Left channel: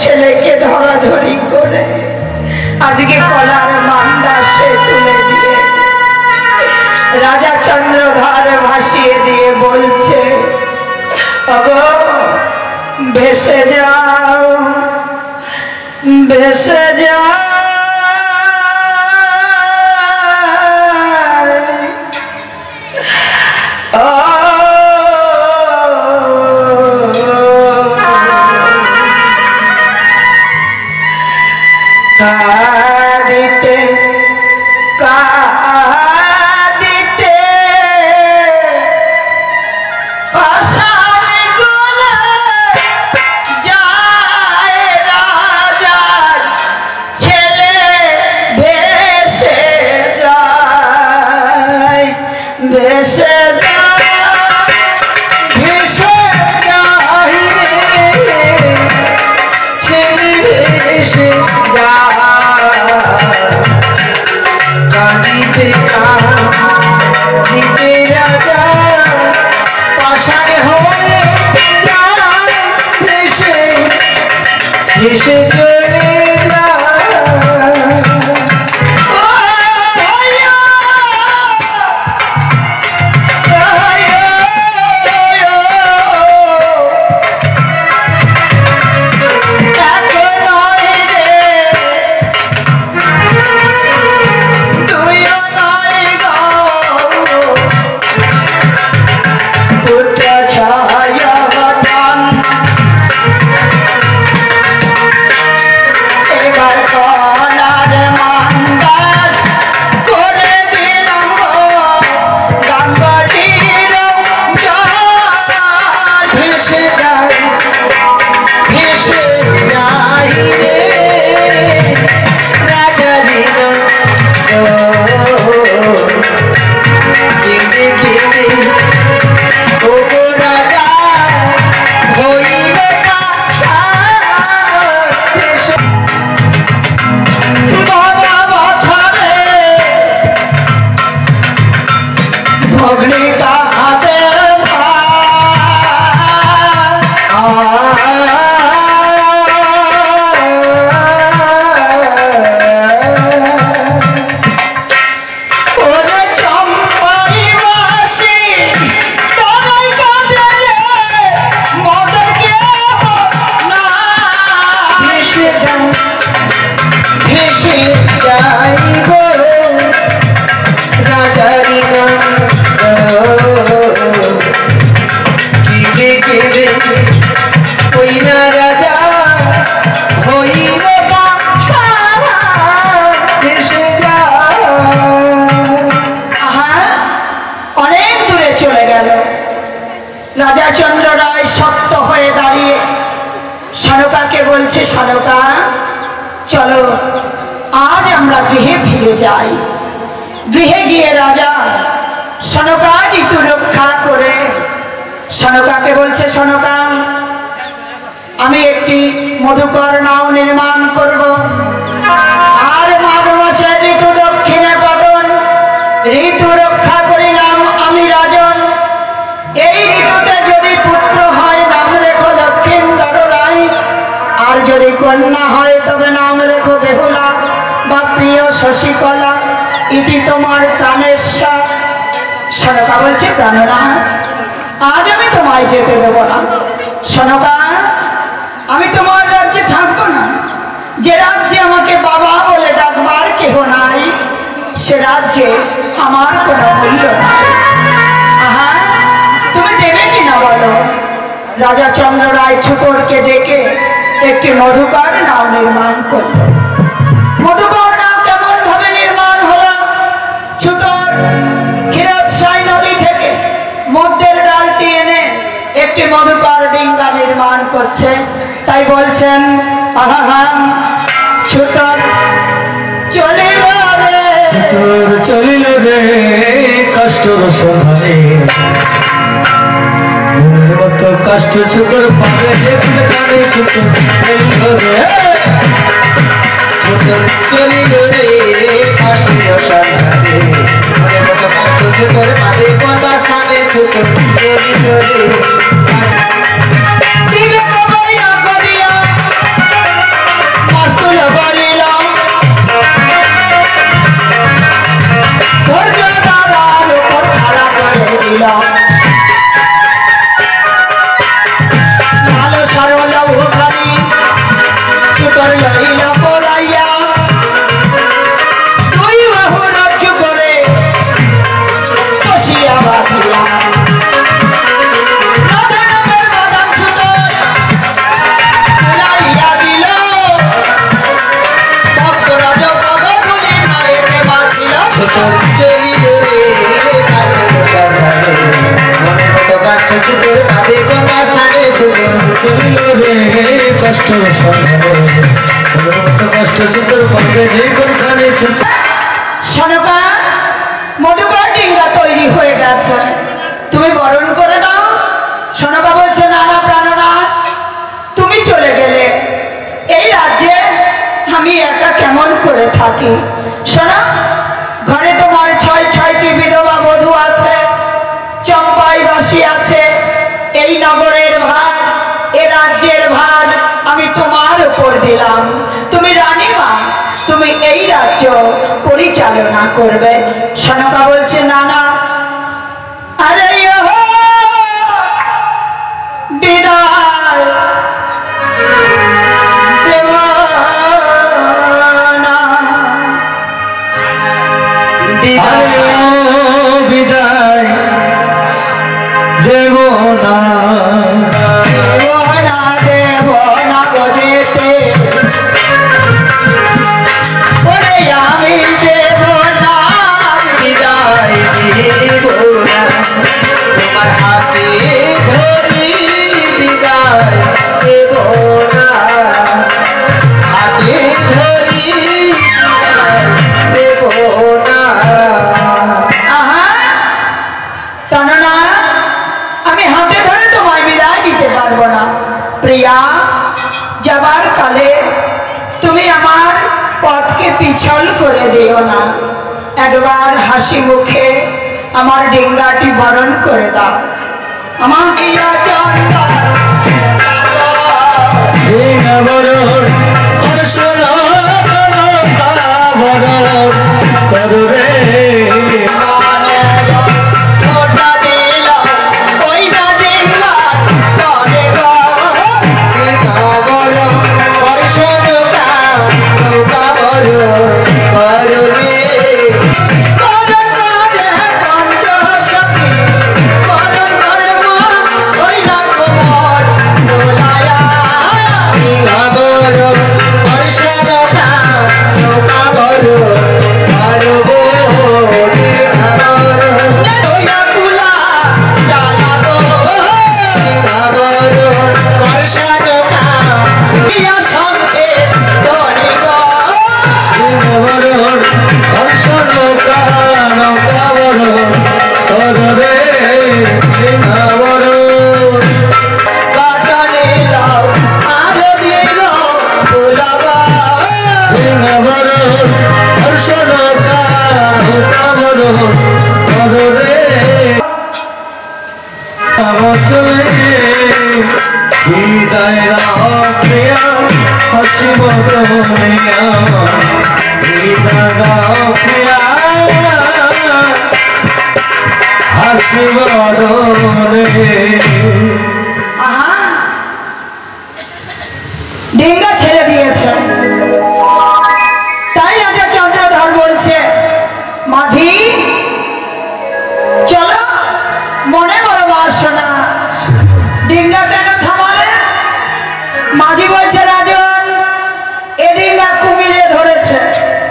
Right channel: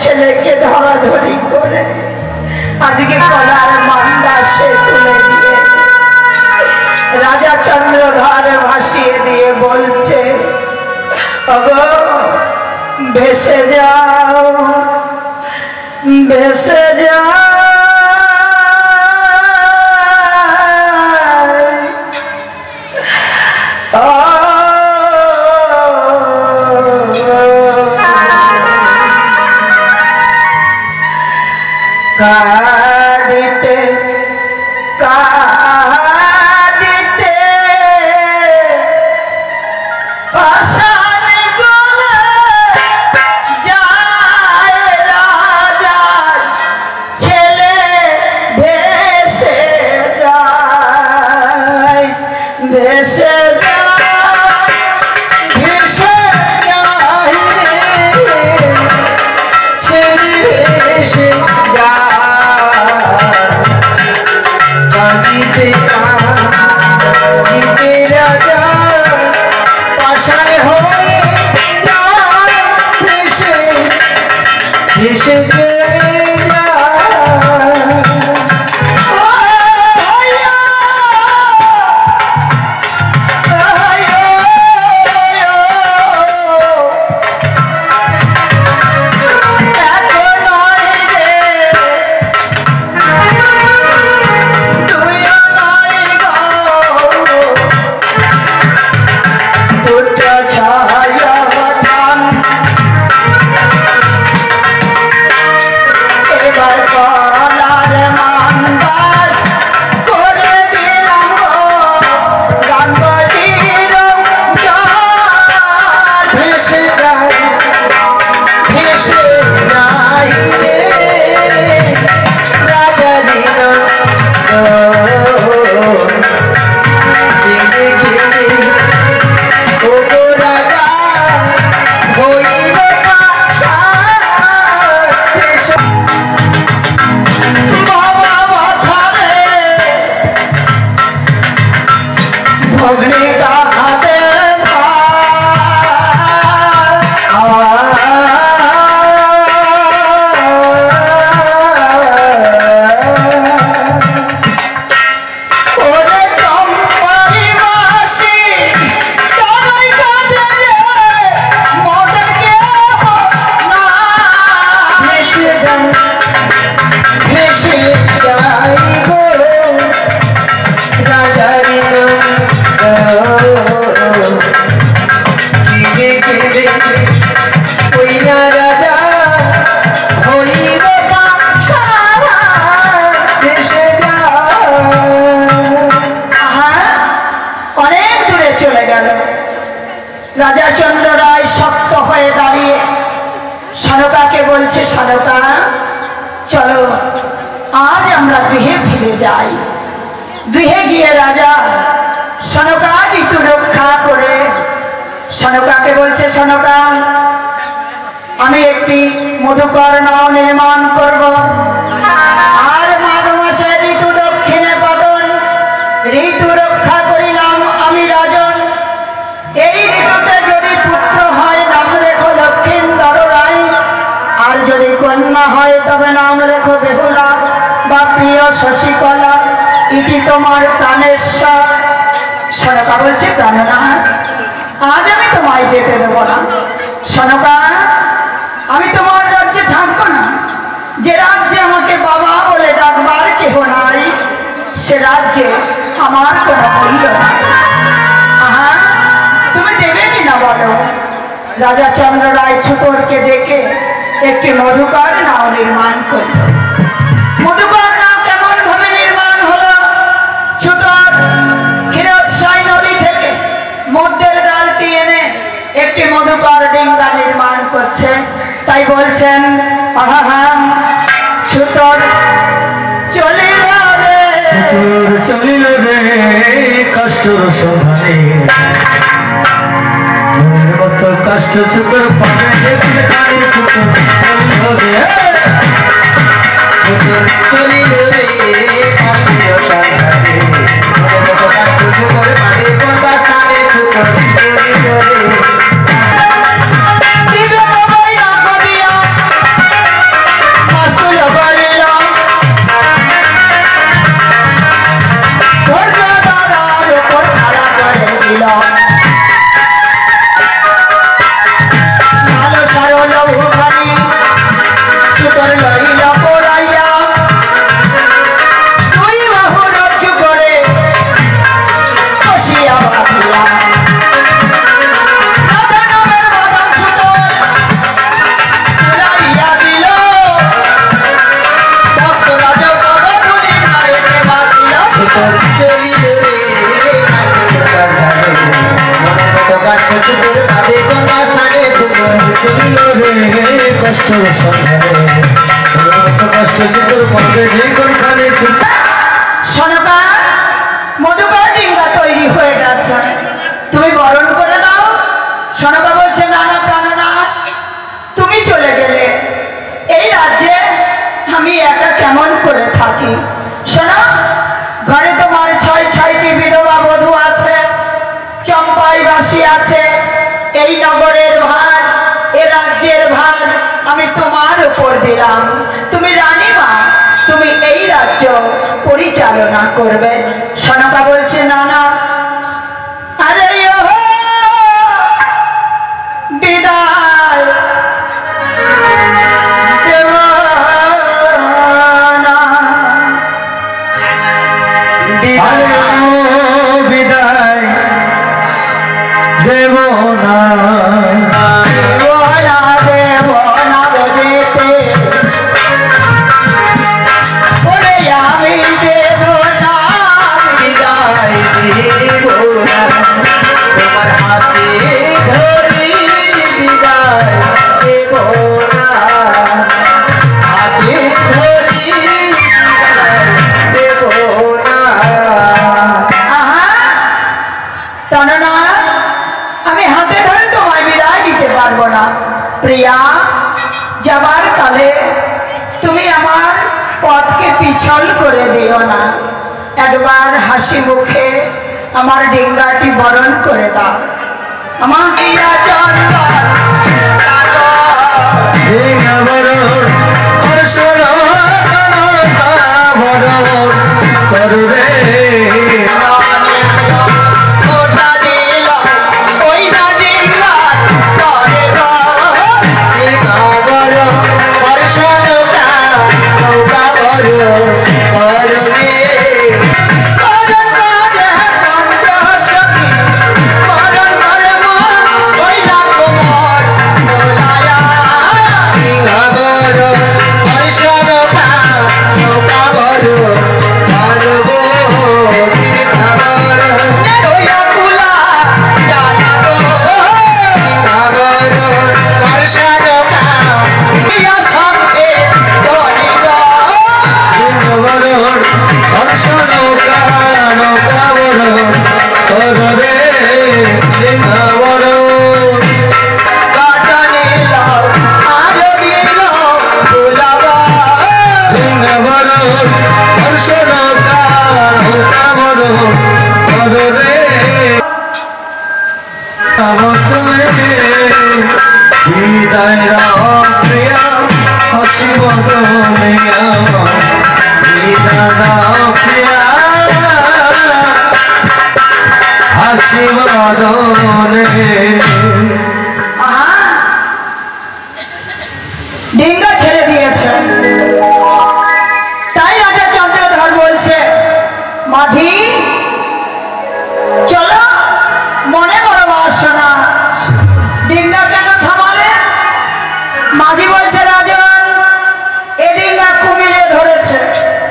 ছেলেকে ধরাধরি করে আজকে কলার মান্দা সে তুলে দিয়ে রাজা চন্দ্রধর ভাসিয়ে দিয়ে বলছে, ওগো ভেসে যাও, ভেসে যাও। কাঁদিতে কাঁদিতে পাষাণে গলে যায় রাজার ছেলে ভেসে যায়, ভেসে রাজা পাষাণে হয়ে যায়, ভেসে ভেসে চলে রাজা চন্দ্র রায় শক্ত হয়ে দাঁড়িয়ে সনকাকে বলছে, সনকা চলো আজ আমরা গৃহে ফিরে যাই। গৃহে গিয়ে রাজা সনকা ঋতু রক্ষা করে সনকাকে বলছে, সনকা আমি একটি মধুকর নাও নির্মাণ করব, আর মাঘ মাসে ঋতু দক্ষিণে পতন, ঋতু রক্ষা করিলাম আমি রাজন। এই ঋতুতে যদি পুত্র হয় নাম রেখো দক্ষিণধর রায়, আর যদি কন্যা হয় তবে নাম রেখো বেহুলা বা প্রিয় শশিকলা, ইতি তোমার প্রাণেশ্বর। সনকা বলছে, প্রাণনাথ আজ আমি তোমায় যেতে দেব না। সনকা আমি তোমার রাজ্যে থাকবো না, যে রাজ্যে আমাকে বাবা বলে ডাকবার কেহ নাই, সে রাজ্যে আমার কোনো মূল্য নাই। আহা তুমি দেবে কিনা বলো। রাজা চন্দ্র রায় ছোটরকে ডেকে একটি মধুকর নাও নির্মাণ করল। মধুকর নাও কেমন ভাবে নির্মাণ হলো, ছোটর ক্ষীরোৎসাই নদী থেকে মধ্যের ডালটি এনে একটি মধুকর ডিঙ্গা নির্মাণ করছে। তাই বলছেন, আহা ছোটর চলিল রে, ছোটর চলিল রে কষ্টর সন্ধানে, মতো কষ্ট ছোটর পারে দেখলে কানে, ছোটর চলিল রে, ছোটর চলিল রে কষ্টর সন্ধানে, মতো কষ্ট ছোটর পারে কোনটা স্থানে, ছোটর চলিল রে। চলিলে রে মনের মতো কাঠ তোর কাঁদে কোনা সাগে চলিলে রে কষ্ট কষ্ট তোর পথে কোনখানে সনকা মধুকর ডিঙ্গা তৈরি হয়ে গেছে, তুমি বরণ করে দাও। সনকা বলছে না না প্রাণনাথ, তুমি চলে গেলে এই রাজ্যে আমি একা কেমন করে থাকি। শোনো, ঘরে তোমার 6টি বিধবা বধূ আছে, চম্পাই বাসী আছে। এই নগরের ভার, এ রাজ্যের ভার আমি তোমার উপর দিলাম। তুমি রানীমা, তুমি এই রাজ্য পরিচালনা করবে। সনকা বলছে না না, আরে বিদায় দেব না, বিদায় দেব না, তোমার হাতে ধরি বিদায় দেব না, হাতে ধরি দেব না। প্রাণনাথ, আমি হাতে ধরে তোমায় বিদায় দিতে পারবো না। প্রিয়া, যাবার কালে তুমি আমার পথকে পিছল করে দিও না। একবার হাসি মুখে আমার ডিঙ্গাটি বরণ করে দাও। আমার ডিয়া চঞ্চল বিদায় প্রিয়া হাসি বদলিয়া, বিদায় প্রিয়া হাসি বদলে। ডিঙ্গা ছেড়ে দিয়েছে, তাই রাজা চন্দ্রধর বলছে মাঝি চলো, মনে বড় বাসনা, ডিঙ্গা কেন থামালে? মাঝি বলছে রাজন, এ ডিঙ্গা কুমিরে ধরেছে,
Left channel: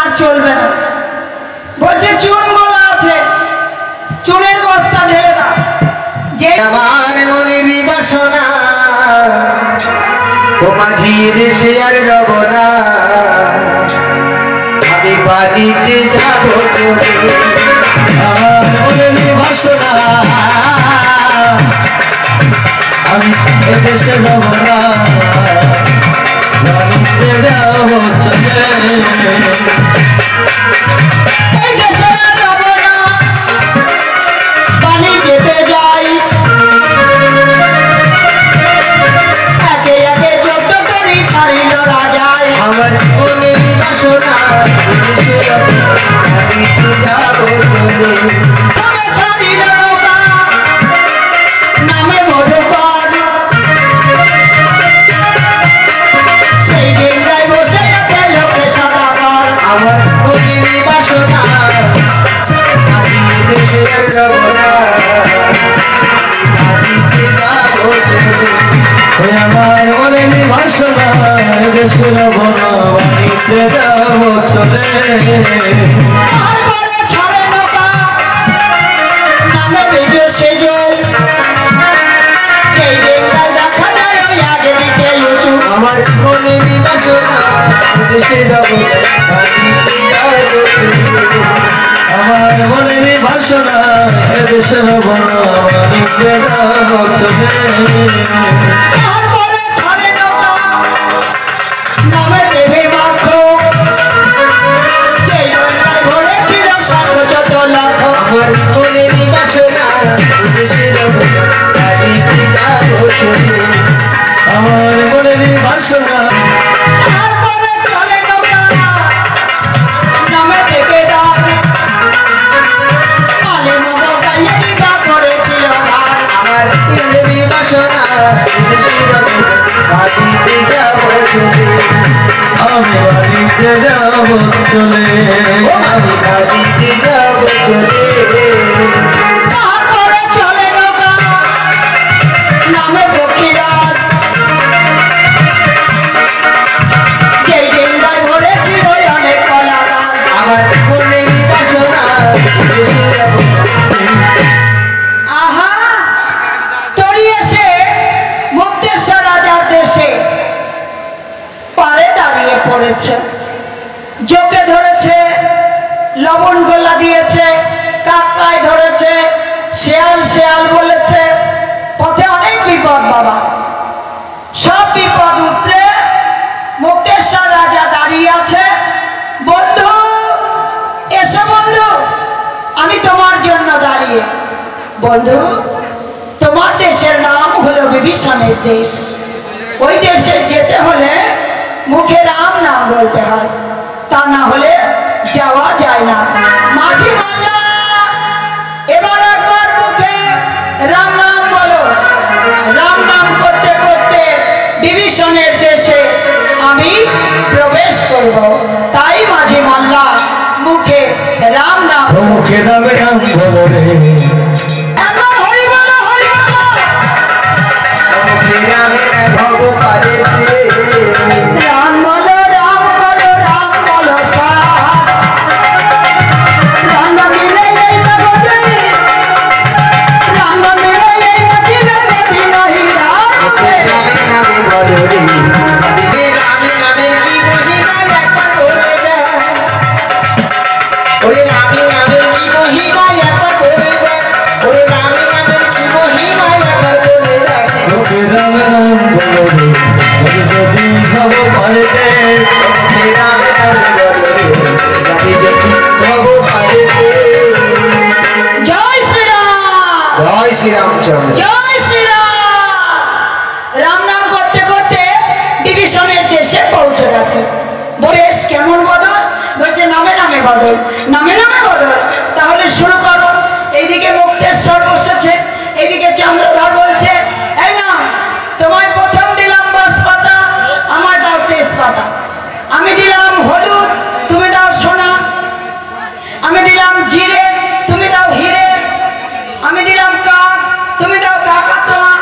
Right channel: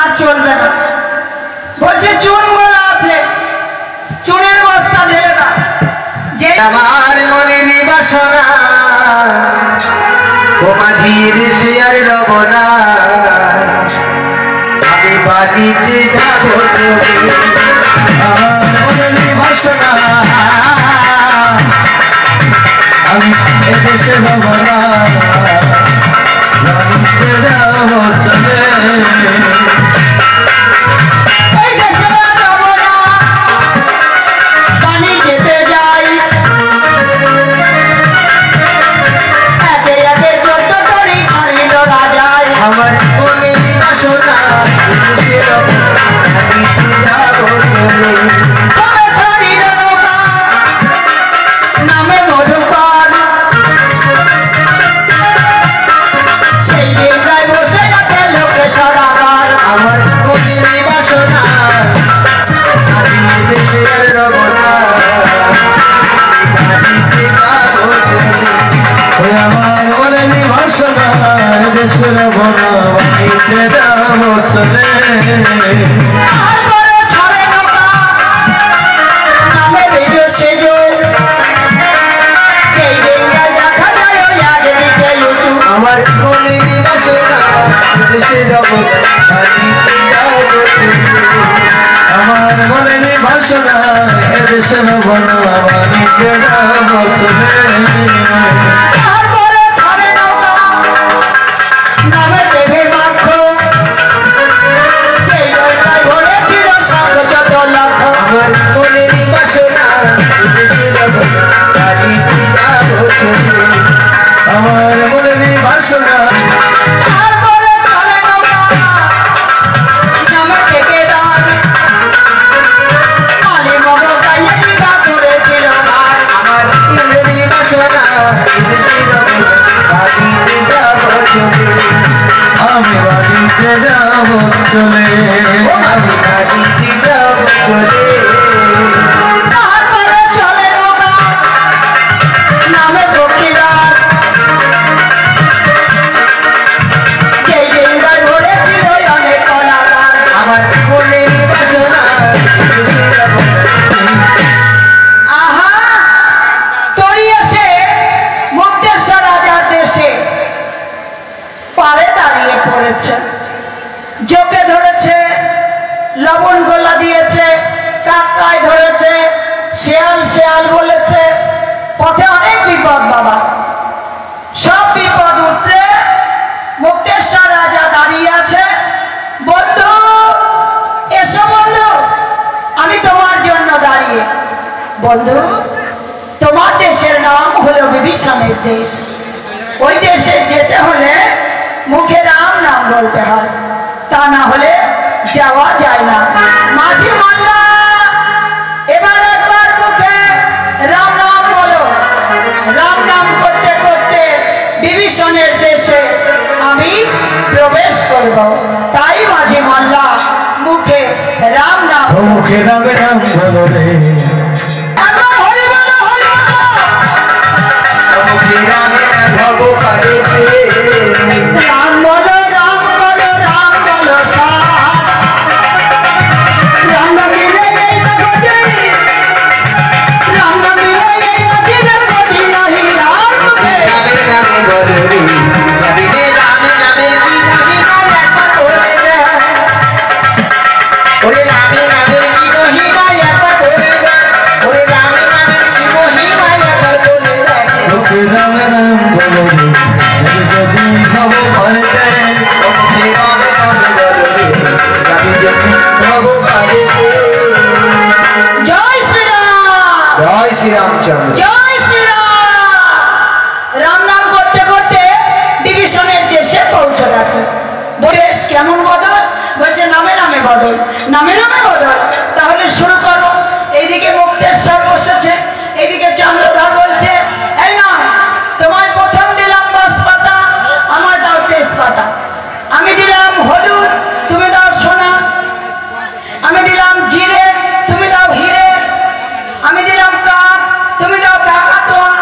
আর চলবে না। বলছে চুন গোলা আছে, চুনের বস্তা ঢেলে দাও। যে আমার মনের বাসনা ও মাঝির সে আর রব না, আমি বাড়িতে যাব চলে। আমার মনের বাসনা আমি এদেশে রব না, বাড়িতে যাব চলে। এই দেশে আর রব না, বাড়ি যেতে যাই, একে একে 14 করি ছাড়িল রাজায়। আমার মনের বাসনা এদেশে রব না, বাড়িতে যাব চলে। তবে ছাড়িল নৌকা, নামে মধুকর, সেই ডিঙ্গায় বসে আছে লোকে সদাগর। আমার মনের বাসনা আমি দেশে আর রব না, বাড়িতে যাব চলে। ওই আমার মনের বাসনা দেশে রব না, বাড়িতে যাব চলে। তারপরে ছাড়ে দেশে যাব আমার মনের বাসনা এদেশে হব না বাণিজ্যে যাব চলে তারপরে ছাড়ে নৌকা নামে দেবে মাত্র যে নৌকায় ঘুরেছিল শত লাখ আমার মনের বাসনা এদেশে যাব না বাণিজ্যে যাব চলে আমার মনের বাসনা তারপরে ছাড়ে নৌকা নামে থেকে দান আলী মগল গাইয়ে বিবাহ করেছিল ভাই আমার মনের বাসনা এদেশে যাব না বাণিজ্যে যাব চলে আমি বাণিজ্যে যাব চলে আমি বাণিজ্যে যাব চলে তারপরে চলে নৌকা নামে বকিরাজ যেই ডিঙ্গায় ঘুরেছিল অনেক কলা গাছ আমার মনের বাসনা এদেশে যাব আহা তরি এসে মুক্তেশ্বর রাজার দেশে পাড়ে দাঁড়িয়ে পড়েছে জোকে ধরেছে লবণ গোলা দিয়েছে কাকড়ায় ধরেছে শেয়াল শেয়াল বলেছে পথে অনেক বিপদ বাবা সব বিপদ উতরে মুক্তেশ্বর রাজা দাঁড়িয়ে আছে বন্ধু এসো বন্ধু আমি তোমার জন্য দাঁড়িয়ে বন্ধু তোমার দেশের নাম হলো বিভীষণের দেশ ওই দেশে যেতে হলে মুখে রাম নাম বলতে হয় তা না হলে যাওয়া যায় না মাঝি মাল্লা এবার একবার মুখে রাম নাম বলো রাম নাম করতে করতে বিভীষণের দেশে আমি প্রবেশ করব তাই মাঝি মাল্লা মুখে রাম নাম মুখে নামে নাম বলো রে একবার হরি বলো হরি বলো মুখে নামে ভব পারেতে রাম বলো রাম বলো রাম বলো রাম দিলে এই জগতে রাম দিলে এই জগতে নাহি রাম মুখে নামে নামে বলো রে রামে নামে কি মহিমা একবার বলে দেয় ওরে রামে নামে কি মহিমা একবার বলে দেয় ওরে রামে নামে কি মহিমা একবার বলে দেয় মুখে নামে নাম বলো রে যদি ভব পারেতে মুখে নামে নাম বলো রে যদি ভব পারেতে জয় শ্রীরাম জয় শ্রী রামচন্দ্র জয় শ্রীরাম রাম নাম করতে করতে ডিভিশনের দেশে পৌঁছে গেছে বেশ কেমন বদল বলছে নামে নামে বদল নামে নামে বদল তাহলে শুরু করো এইদিকে মুক্তেশ্বর বসেছে এইদিকে চন্দ্রধর বলছে এই না তোমায় প্রথম দিলাম 10 পাতা আমার দাও 23 পাতা আমি দিলাম হলুদ তুমি দাও সোনা আমি দিলাম জিরে তুমি দাও হিরে আমি দিলাম কাক তুমি দাও কাকাতোয়া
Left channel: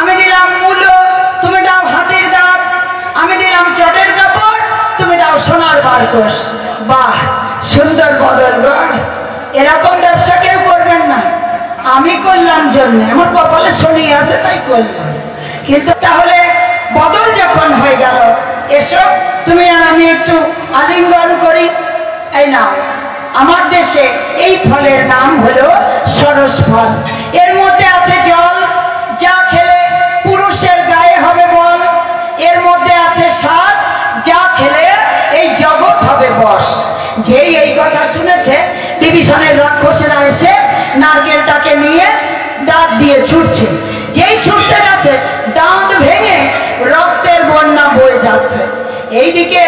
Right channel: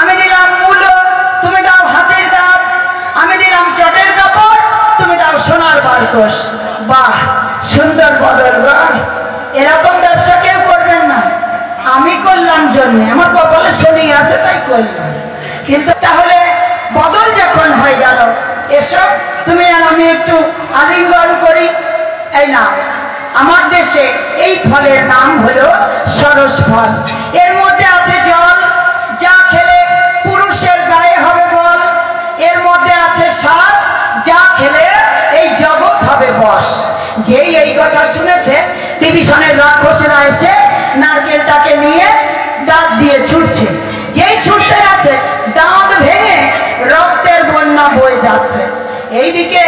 আমি দিলাম মূলো তুমি দাও হাতির দাঁত আমি দিলাম চটের কাপড় তুমি দাও সোনার বারকোশ বাহ সুন্দর বদল গো এরকম ব্যবসা কেউ করবেন না আমি করলাম জন্য আমার কপালে শনি আছে তাই করলাম কিন্তু তাহলে বদল যখন হয়ে গেল এসব তুমি আর আমি একটু আলিঙ্গন করি এই না আমার দেশে এই ফলের নাম হলো সরস ফল এর মধ্যে আছে জল যা খেলে পুরুষের গায়ে হবে বল এর মধ্যে আছে শ্বাস যা খেলে এই জগৎ হবে বশ যেই এই কথা শুনেছে বিভীষণের রাক্ষসেরা এসে নারকেলটাকে নিয়ে দাঁত দিয়ে ছুটছে যেই ছুটতে আছে দাঁত ভেঙে রক্তের বন্যা বয়ে যাচ্ছে এইদিকে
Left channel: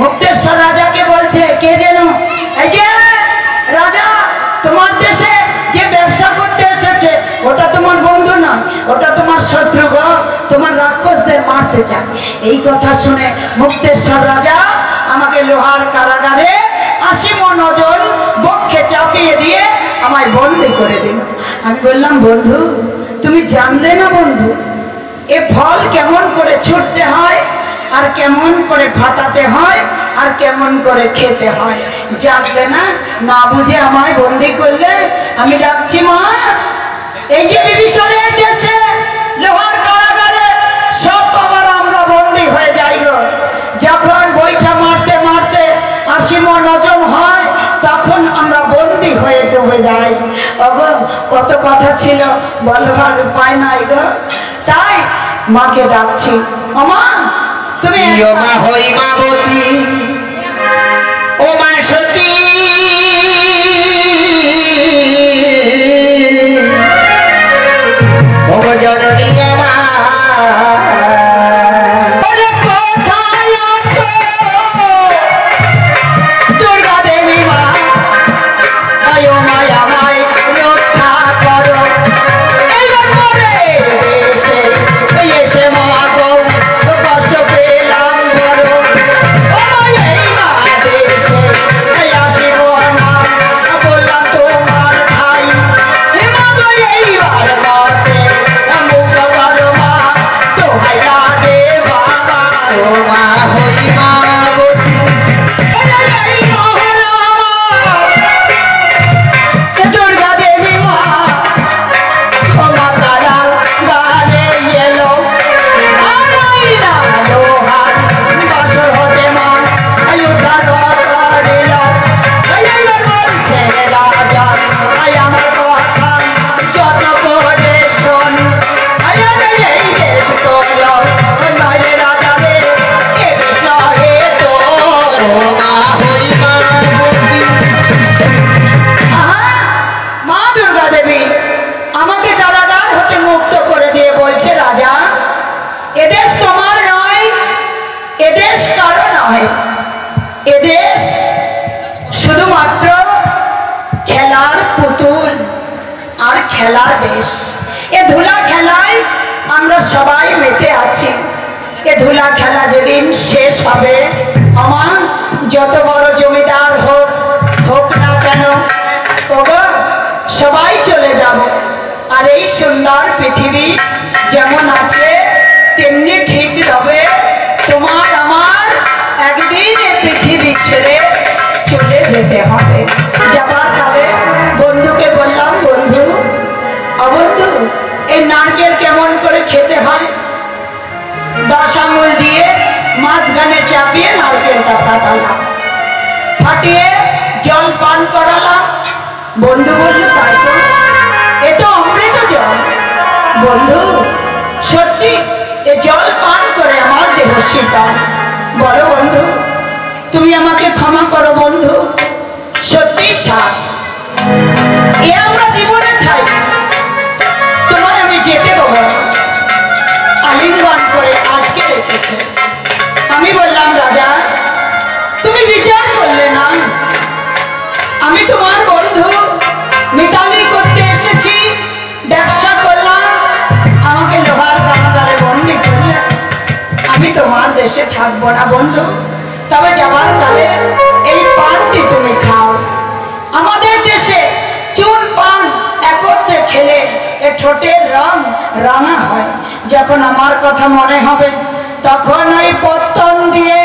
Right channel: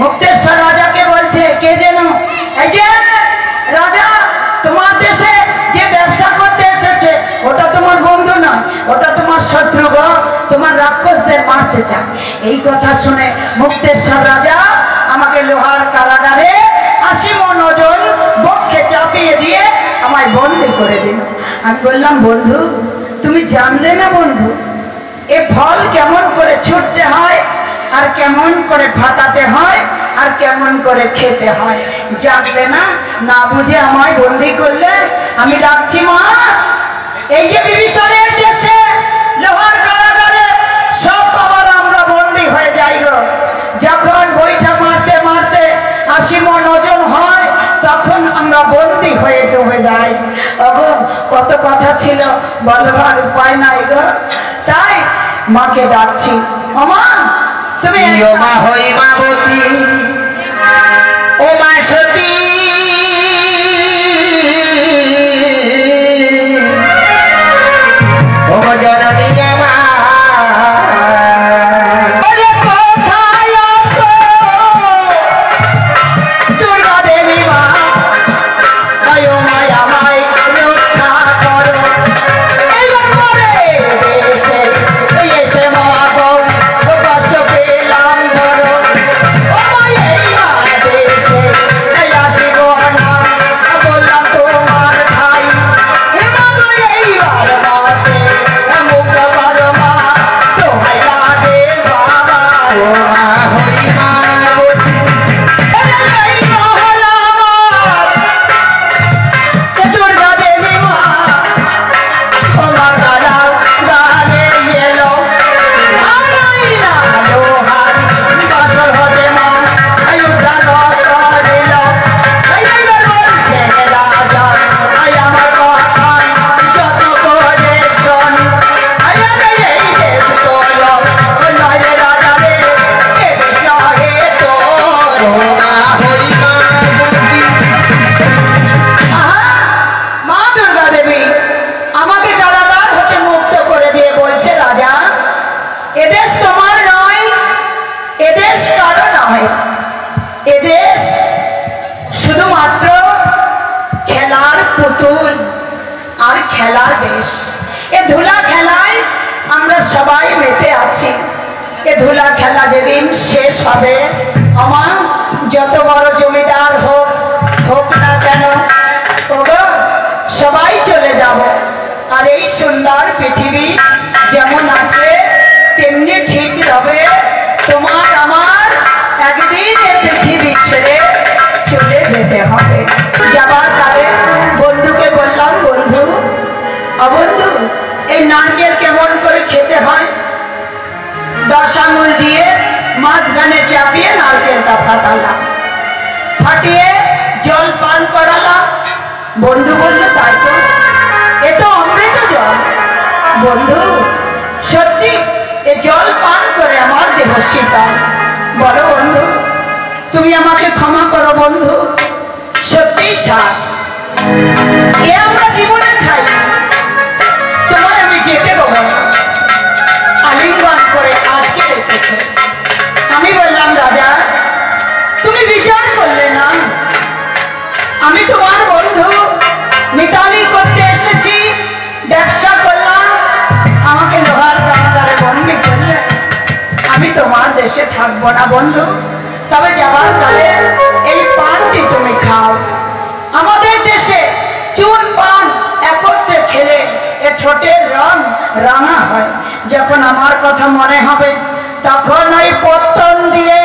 মুক্তেশ্বর রাজাকে বলছে কে যেন এই যে রাজা তোমার দেশে যে ব্যবসা করতে এসেছে ওটা তোমার বন্ধু নয় ওটা তোমার শত্রু গো তোমার রাক্ষসদের মারতে চায় এই কথা শুনে মুক্তেশ্বর রাজা আমাকে লোহার কারাগারে 80 মণ ওজন বক্ষে চাপিয়ে দিয়ে আমায় বন্দী করে দিল আমি বললাম বন্ধু তুমি জানলে না বন্ধু এ ফল কেমন করে ছুটতে হয় আর কেমন করে ফাটাতে হয় আর কেমন করে খেতে হয় জানলে না না বুঝে আমায় বন্দী করলে আমি ডাকছি মা এই যে বিভীষণের দেশে লোহার কারাগারে সব আবার আমরা বন্দী হয়ে যাইব যখন বইটা মারতে ওগো কত কথা ছিল বলবার উপায় নাই গো, তাই মাকে ডাকছি। ও মা, তুমি ও মা হই মাবতী, ও মা সতী, ও জননী আমার এদেশ তোমার নয়, এদেশ কারো নয়, এদেশ শুধুমাত্র খেলার পুতুল আর খেলার দেশ। এ ধুলা খেলায় আমরা সবাই মেতে আছি। এ ধুলা খেলা যেদিন শেষ হবে, আমার যত বড় জমিদার হোক হোক না কেন, ওগো সবাই চলে যাব। আর এই সুন্দর পৃথিবী যেমন আছে তেমনি ঠিক রবে। তোমার আমার একদিন এই পৃথিবী ছেড়ে চলে যেতে হবে। যাবার কালে বন্ধুকে বললাম, বন্ধু অবন্ধু এই নারকেল কেমন করে খেতে হয়? 10 আঙুল দিয়ে মাঝখানে চাপিয়ে নারকেলটা ফাটালাম, ফাটিয়ে জল পান করালাম। বন্ধু বলল, তাই তো, এ তো অমৃত জল। বন্ধু সত্যি এ জল পান করে আমার দেহ শীতল। বলো বন্ধু, তুমি আমাকে ক্ষমা করো বন্ধু, সত্যি শ্বাস এ আমরা জীবনে খাই, তোমার আমি যেতে দেবো। আলিঙ্গন করে আটকে রেখেছে। আমি বললাম, রাজা তুমি বিচার করলে না, আমি তোমার বন্ধু, মিতালি করতে এসেছি, ব্যবসা করলাম, আমাকে লোহার কারাগারে বন্দি করলে। আমি তোমার দেশে থাকবো না বন্ধু, তবে যাবার কালে এই পানটি তুমি খাও। আমাদের দেশে চুন পান একত্রে খেলে এ ঠোঁটের রং রাঙা হয়। যখন আমার কথা মনে হবে তখন ওই পত্তন দিয়ে